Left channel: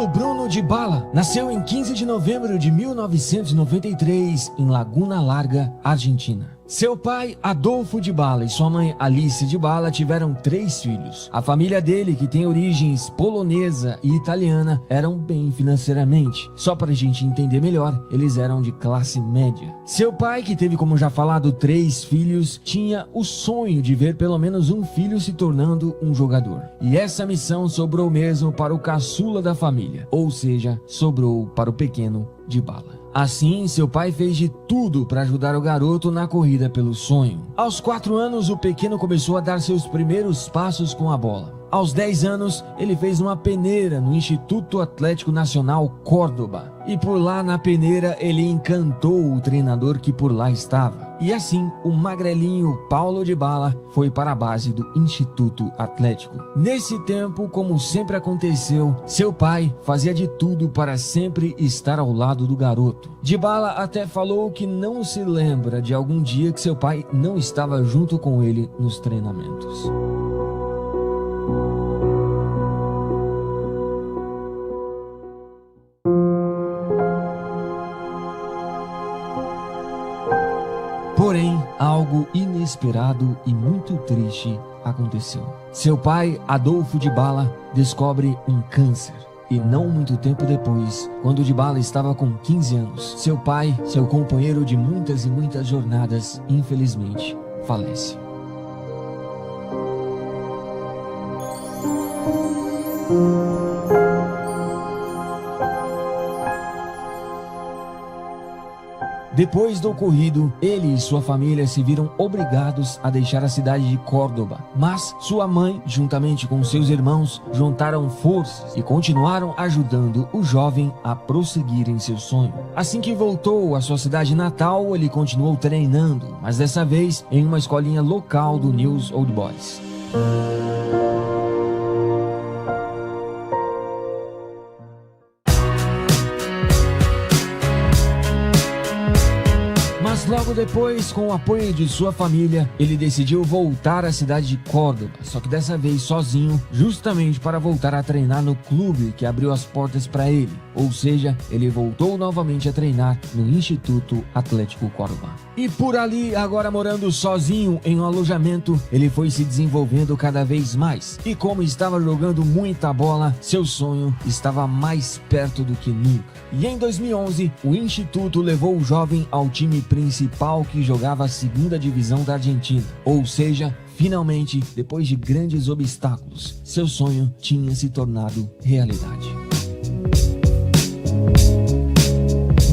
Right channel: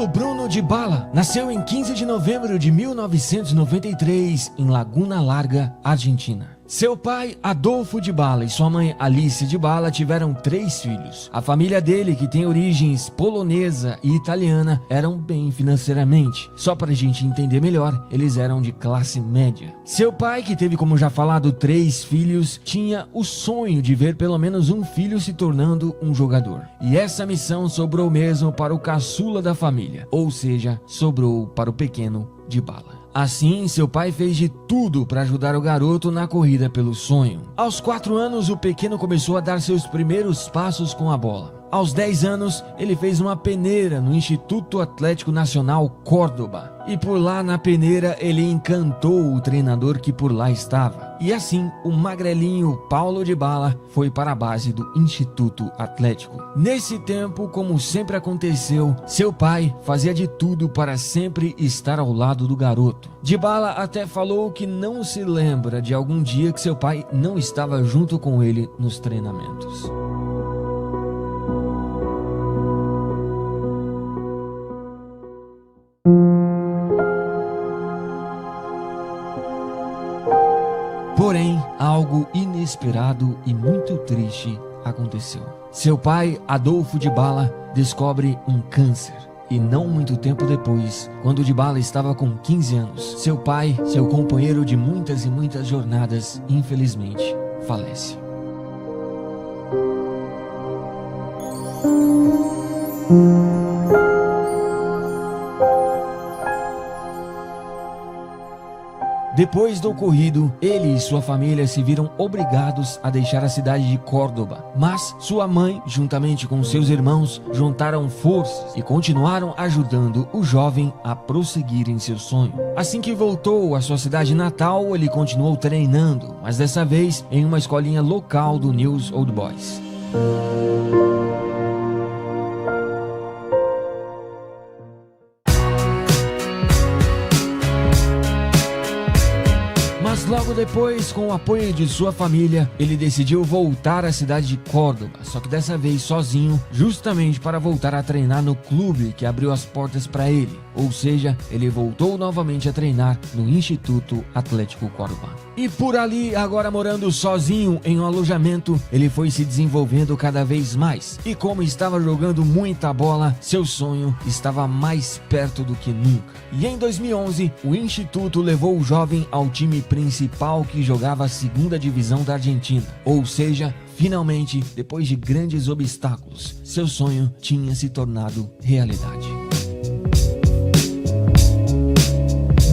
Paulo Bruno Dybala nasceu em 15 de novembro de 1993 em Laguna Larga, Argentina. Seu pai, Adolfo Dybala, e sua mãe, Alice Dybala, tiveram 3 filhos. A família dele, que tem origens polonesa e italiana, eram bem financeiramente. Só para a gente entender melhor, eles eram de classe média. Seu pai, que teve, como já falado, 3 filhos, tinha o sonho de ver pelo menos um filho se tornando um jogador. E essa missão sobrou mesmo para o caçula da família, ou seja, sobrou para o pequeno Dybala. Assim, seu pai fez de tudo para ajudar o garoto na corrida pelo sonho. Aos 4 anos, o pequeno começou a dar seus primeiros passos com a bola. Aos 10 anos, ele fez uma peneira no Instituto Atlético Nacional Córdoba. E por lá na peneira, ele encantou o treinador que por lá estava. E assim, o magrelinho Paulo Dybala foi para a base do Instituto Atlético. Nesse tempo, como sempre aconteceu, seu pai fazia de tudo para sempre estar ao lado do garoto. Dybala até falou que não se lembra de algum dia que seu pai não estava junto com ele nos treinamentos. Porém, algo inesperado e muito triste aconteceu. Seu pai, Adolfo Dybala, descobre um câncer. E não muito tempo depois, quando Dybala estava com 15 anos, seu pai, seu companheiro de muitas e muitas jornadas, infelizmente, falece. Depois do ocorrido, ele e sua família se viram obrigados a deixar a cidade de Córdoba. Mas sua mãe, juntamente com seus irmãos, juntaram forças e continuaram ajudando o jovem a prosseguir em seu sonho. Assim que voltou à sua cidade natal, ele continuou treinando, mas dessa vez em uma escolinha local do News Old Boys. Mas logo depois, com o apoio de sua família, ele decidiu voltar à cidade de Córdoba, só que dessa vez sozinho, justamente para voltar a treinar no clube que abriu as portas para ele. Ou seja, ele voltou novamente a treinar no Instituto Atlético Córdoba. E por ali, agora morando sozinho em um alojamento, ele foi se desenvolvendo cada vez mais. E como estava jogando muita bola, seu sonho estava mais perto do que nunca. E em 2011, o Instituto levou o jovem ao time principal que jogava a segunda divisão da Argentina. Ou seja, finalmente, depois de grandes obstáculos, seu sonho tinha se tornado realidade.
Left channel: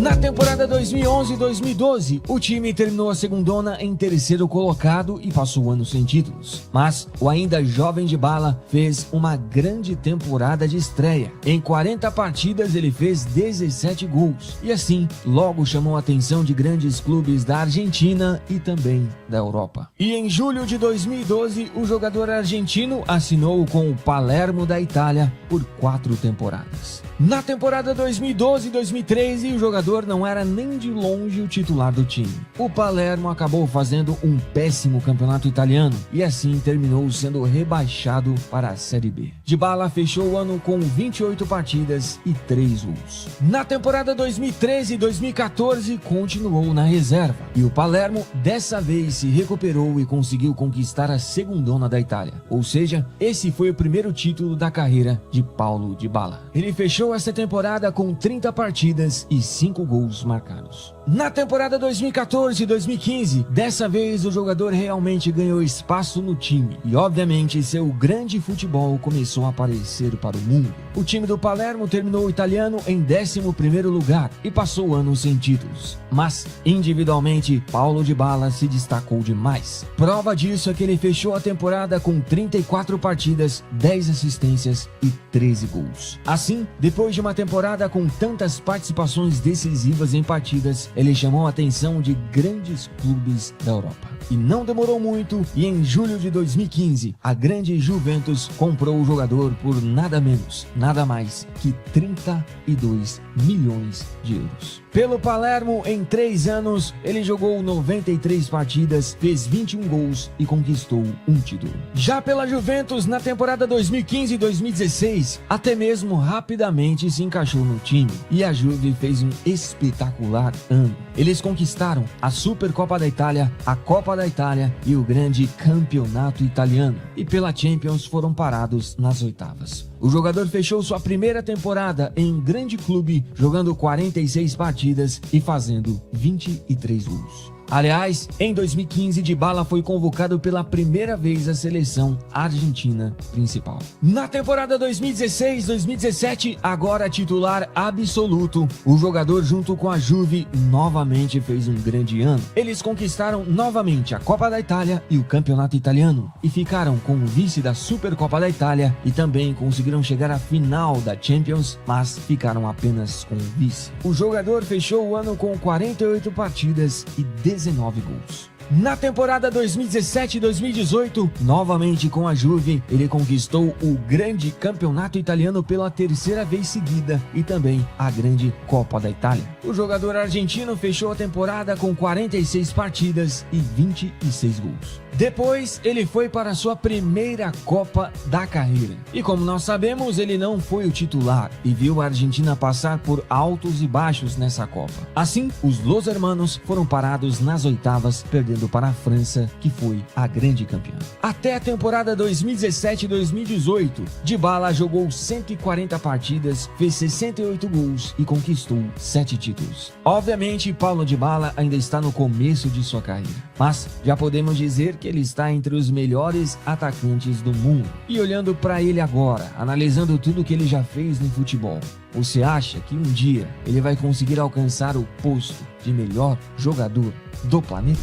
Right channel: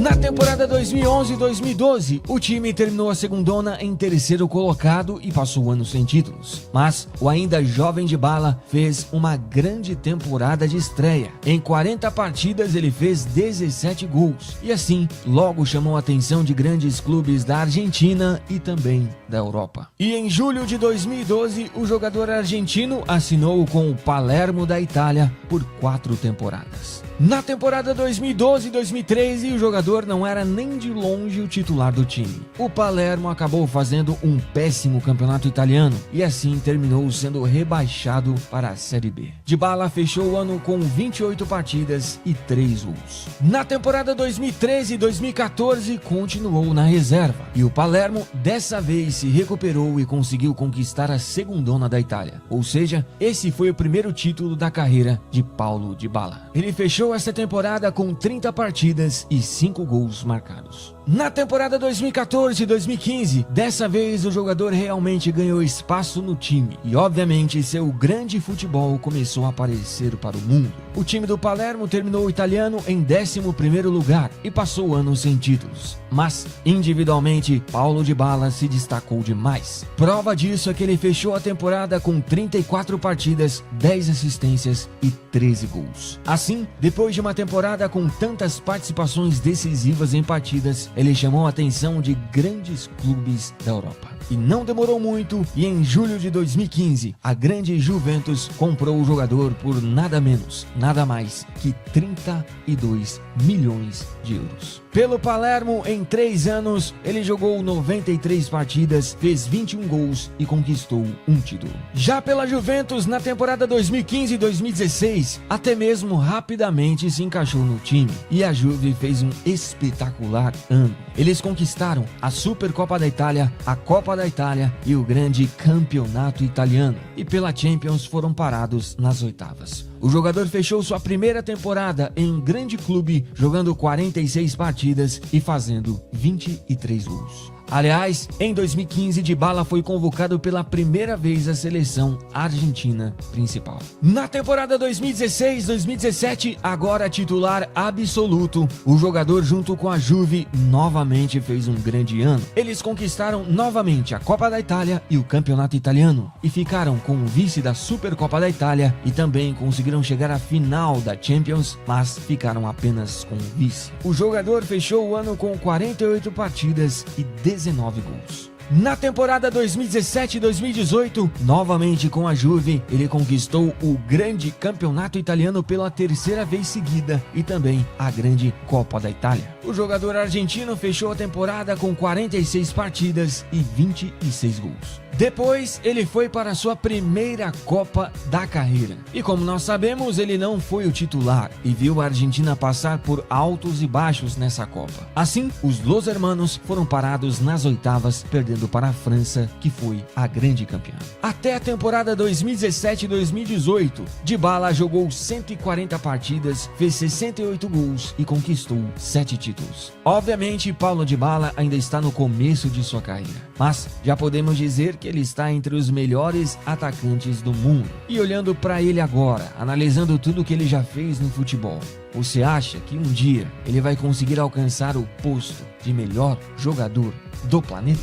Na temporada 2011-2012, o time terminou a segundona em 3º colocado e passou o ano sem títulos. Mas o ainda jovem Dybala fez uma grande temporada de estreia. Em 40 partidas ele fez 17 gols e assim logo chamou a atenção de grandes clubes da Argentina e também da Europa. E em julho de 2012, o jogador argentino assinou com o Palermo da Itália por 4 temporadas. Na temporada 2012-2013, o jogador não era nem de longe o titular do time. O Palermo acabou fazendo um péssimo campeonato italiano e assim terminou sendo rebaixado para a Série B. Dybala fechou o ano com 28 partidas e 3 gols. Na temporada 2013-2014, continuou na reserva e o Palermo dessa vez se recuperou e conseguiu conquistar a segundona da Itália. Ou seja, esse foi o primeiro título da carreira de Paulo Dybala. Ele fechou essa temporada com 30 partidas e 5 gols marcados. Na temporada 2014-2015, dessa vez o jogador realmente ganhou espaço no time e obviamente seu grande futebol começou a aparecer para o mundo. O time do Palermo terminou o italiano em 11º lugar e passou o ano sem títulos. Mas, individualmente, Paulo Dybala se destacou demais. Prova disso é que ele fechou a temporada com 34 partidas, 10 assistências e 13 gols. Assim, depois de uma temporada com tantas participações decisivas em partidas, ele chamou a atenção de grandes clubes da Europa. E não demorou muito e em julho de 2015, a grande Juventus comprou o jogador por nada menos, nada mais que 32 milhões de euros. Pelo Palermo, em 3 anos, ele jogou 93 partidas, fez 21 gols e conquistou um título. Já pela Juventus, na temporada 2015 e 2016, até mesmo rapidamente se encaixou no time e a Juve fez um espetacular ano. Eles conquistaram a Supercopa da Itália, a Copa da Itália e o grande campeonato italiano, e pela Champions foram parados nas oitavas. O jogador fechou sua primeira temporada em grande clube, jogando 46 partidas e fazendo 23 gols. Aliás, em 2015, Dybala foi convocado pela primeira vez à seleção argentina principal. Na temporada 2016-2017, agora titular absoluto, o jogador junto com a Juve novamente fez um grande ano. Eles conquistaram novamente a Copa da Itália e o Campeonato Italiano e ficaram com o vice da Supercopa da Itália e também conseguiram chegar à final da Champions, mas ficaram apenas com o vice. O jogador fechou o ano com 48 partidas e 19 gols. Na temporada 2017-2018, novamente com a Juve, ele conquistou o grande campeonato italiano pela terceira vez seguida e também a grande Copa da Itália. O jogador argentino fechou a temporada com 46 partidas e 26 gols. Depois, ele foi para sua primeira Copa da carreira. E como nós sabemos, ele não foi o titular e viu a Argentina passar por altos e baixos nessa Copa. Assim, os Los Hermanos foram parados nas oitavas, perdendo para a França, que foi a grande campeã. Até a temporada 2017-2018, Dybala jogou 140 partidas, fez 68 gols e conquistou 7 títulos. Obviamente, Paulo Dybala ainda está no começo de sua carreira, mas já podemos dizer que ele está entre os melhores atacantes do mundo. E olhando para ele agora, analisando tudo que ele já fez no futebol, você acha que um dia ele vai conseguir alcançar o posto de melhor jogador do planeta?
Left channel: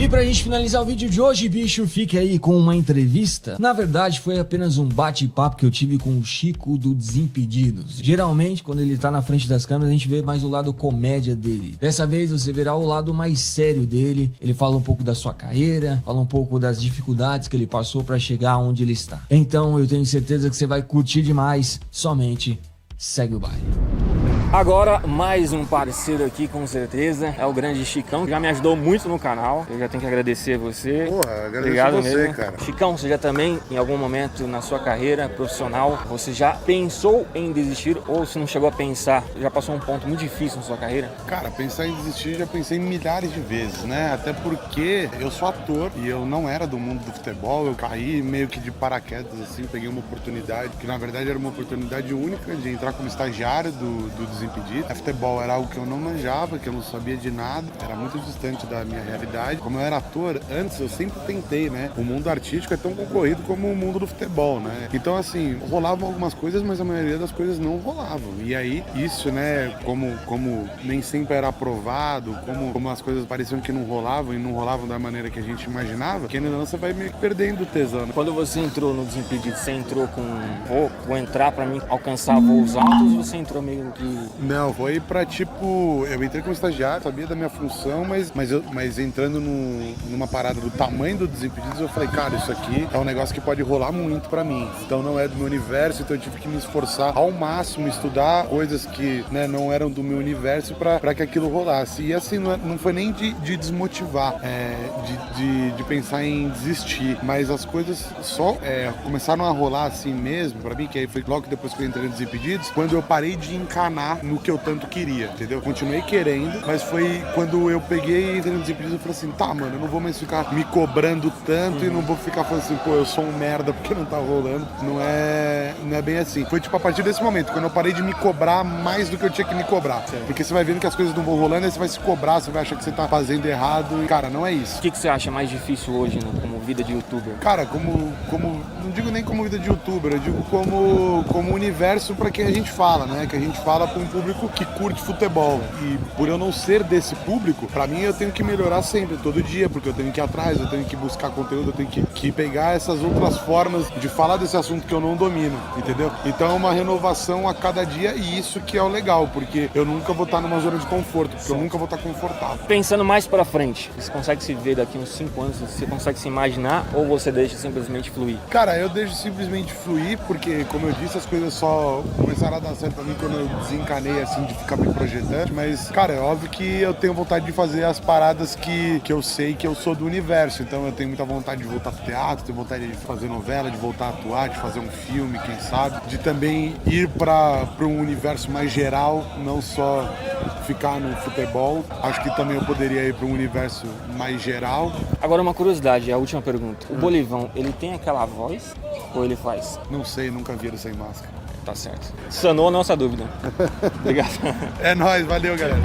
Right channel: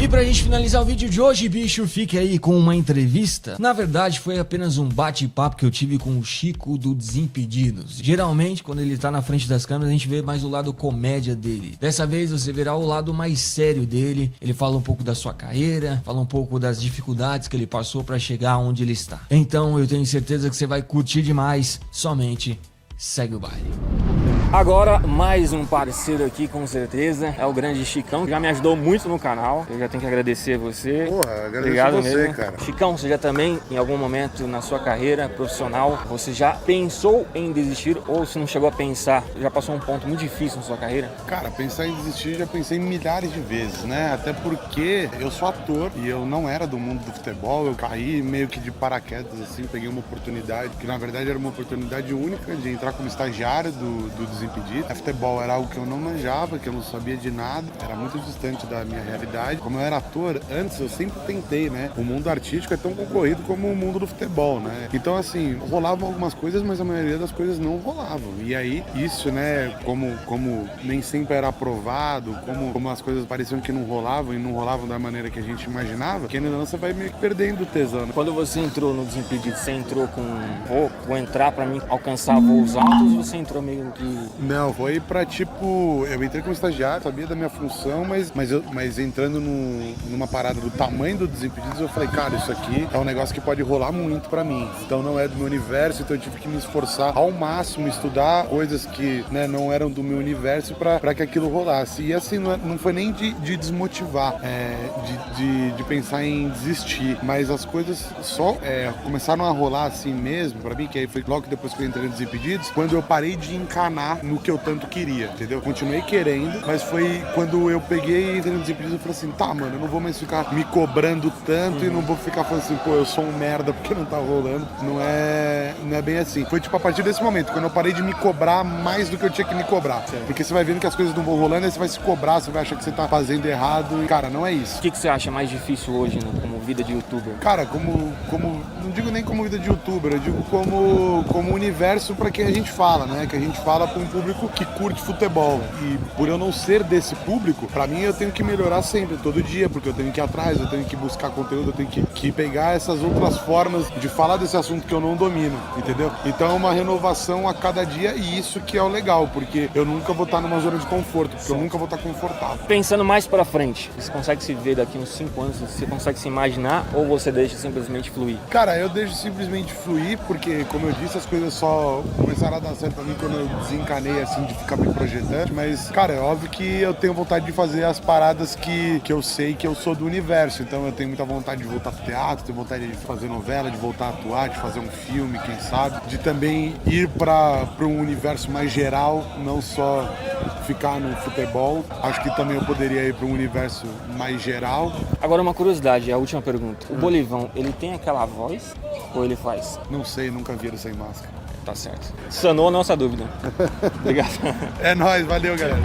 E pra gente finalizar o vídeo de hoje, bicho, fique aí com uma entrevista. Na verdade, foi apenas um bate-papo que eu tive com o Chico do Desimpedidos. Geralmente, quando ele tá na frente das câmeras, a gente vê mais o lado comédia dele. Dessa vez, você verá o lado mais sério dele. Ele fala um pouco da sua carreira, fala um pouco das dificuldades que ele passou pra chegar onde ele está. Então, eu tenho certeza que você vai curtir demais. Somente segue o baile. Agora, mais um parceiro aqui, com certeza, é o grande Chicão, que já me ajudou muito no canal. Eu já tenho que agradecer você. Porra, agradeço Obrigado você, mesmo, cara. Chicão, você já também, em algum momento na sua carreira profissional, você já pensou em desistir ou se não chegou a pensar, já passou um ponto muito difícil na sua carreira? Cara, pensar em desistir já pensei milhares de vezes, né? Até porque eu sou ator e eu não era do mundo do futebol, eu caí meio que de paraquedas, assim, peguei uma oportunidade, que na verdade era uma oportunidade única de entrar como estagiário do Desimpedido. Futebol era algo que eu não manjava, que eu não sabia de nada, era muito distante da minha realidade. Como eu era ator, antes eu sempre tentei, né? O mundo artístico é tão concorrido como o mundo do futebol, né? Então, assim, rolavam algumas coisas, mas a maioria das coisas não rolavam. E aí, isso, né, como nem sempre era aprovado, como as coisas pareciam que não rolavam e não rolavam da maneira que a gente imaginava, que ainda não você vai meio que perdendo o tesão. Quando você entrou no Desimpedido, você entrou com vou entrar pra mim alcançar voos altos ou você entrou meio que... Não, foi pra tipo, eu entrei como estagiário, sabia da minha função, mas entrando numa parada do tamanho do Desimpedidos, eu falei, cara, isso aqui é um negócio que pode rolar muito pra mim. Então não é do meu universo, então eu tive que me esforçar ao máximo, estudar coisas que, né, não eram do meu universo pra que aquilo rolasse. E assim, não foi nem de desmotivar, de pensar em desistir, mas as coisas só começaram a rolar assim mesmo, pra mim, que aí foi logo depois que eu entrei no Desimpedidos, quando eu parei de encanar no que eu tanto queria, entendeu? Continuei querendo, mas foi quando eu peguei e entrei no Desimpedidos e falei assim, tá, mano, eu não vou mais ficar me cobrando tanto e não vou ficar falando assim, pô, eu sou um merda porque não tá rolando. Não é bem assim. Foi tipo a partir desse momento, quando eu parei de me cobrar mais do que eu tinha que me cobrar. Sim. Porque você vai vendo que as coisas não vão rolando, aí você vai se cobrar, você vai achar que você tá fazendo errado e, cara, não é isso. O que você acha mais difícil hoje, né, como vida de youtuber? Cara, não digo nem como vida de youtuber, eu digo como universo pra quem a gente fala, né? Que a gente fala pra um público que curte futebol. E por eu não ser desse público, pra mim eu tenho que melhorar sempre, todo dia, porque eu tenho que ir atrás, eu tenho que buscar conteúdo, eu tenho que pegar essas outras formas de falar desse assunto que eu não domino, entendeu? Então é uma renovação a cada dia e isso que é o legal, porque eu nunca vou estar numa zona de conforto, porque eu nunca vou estar confortável. Pensando mais pra frente, você consegue se ver daqui uns 5 anos, você consegue se imaginar ou você deixa simplesmente fluir? Cara, eu deixo simplesmente fluir, porque, como eu disse, as coisas só começaram a dar certo pra mim quando eu desencanei, assim, de ficar me projetando. Mas, cara, é óbvio que eu tenho vontade de fazer as paradas que eu sei que eu sou do universo. Então eu tenho muita vontade de voltar pro teatro, tenho vontade de fazer novela, de voltar a atuar, de fazer um filme, quem sabe. De também ir pra um universo mais geral, não só ficar no futebol. Acho que também eu poderia ir pra um universo mais geral. Agora uma curiosidade, a última pergunta. O Bolivão, ele tem aquela voz ou ele faz? Não sei, nunca vi ele sem máscara. Tá certo. Sanou a nossa dúvida. Obrigado. É nóis, valeu, galera.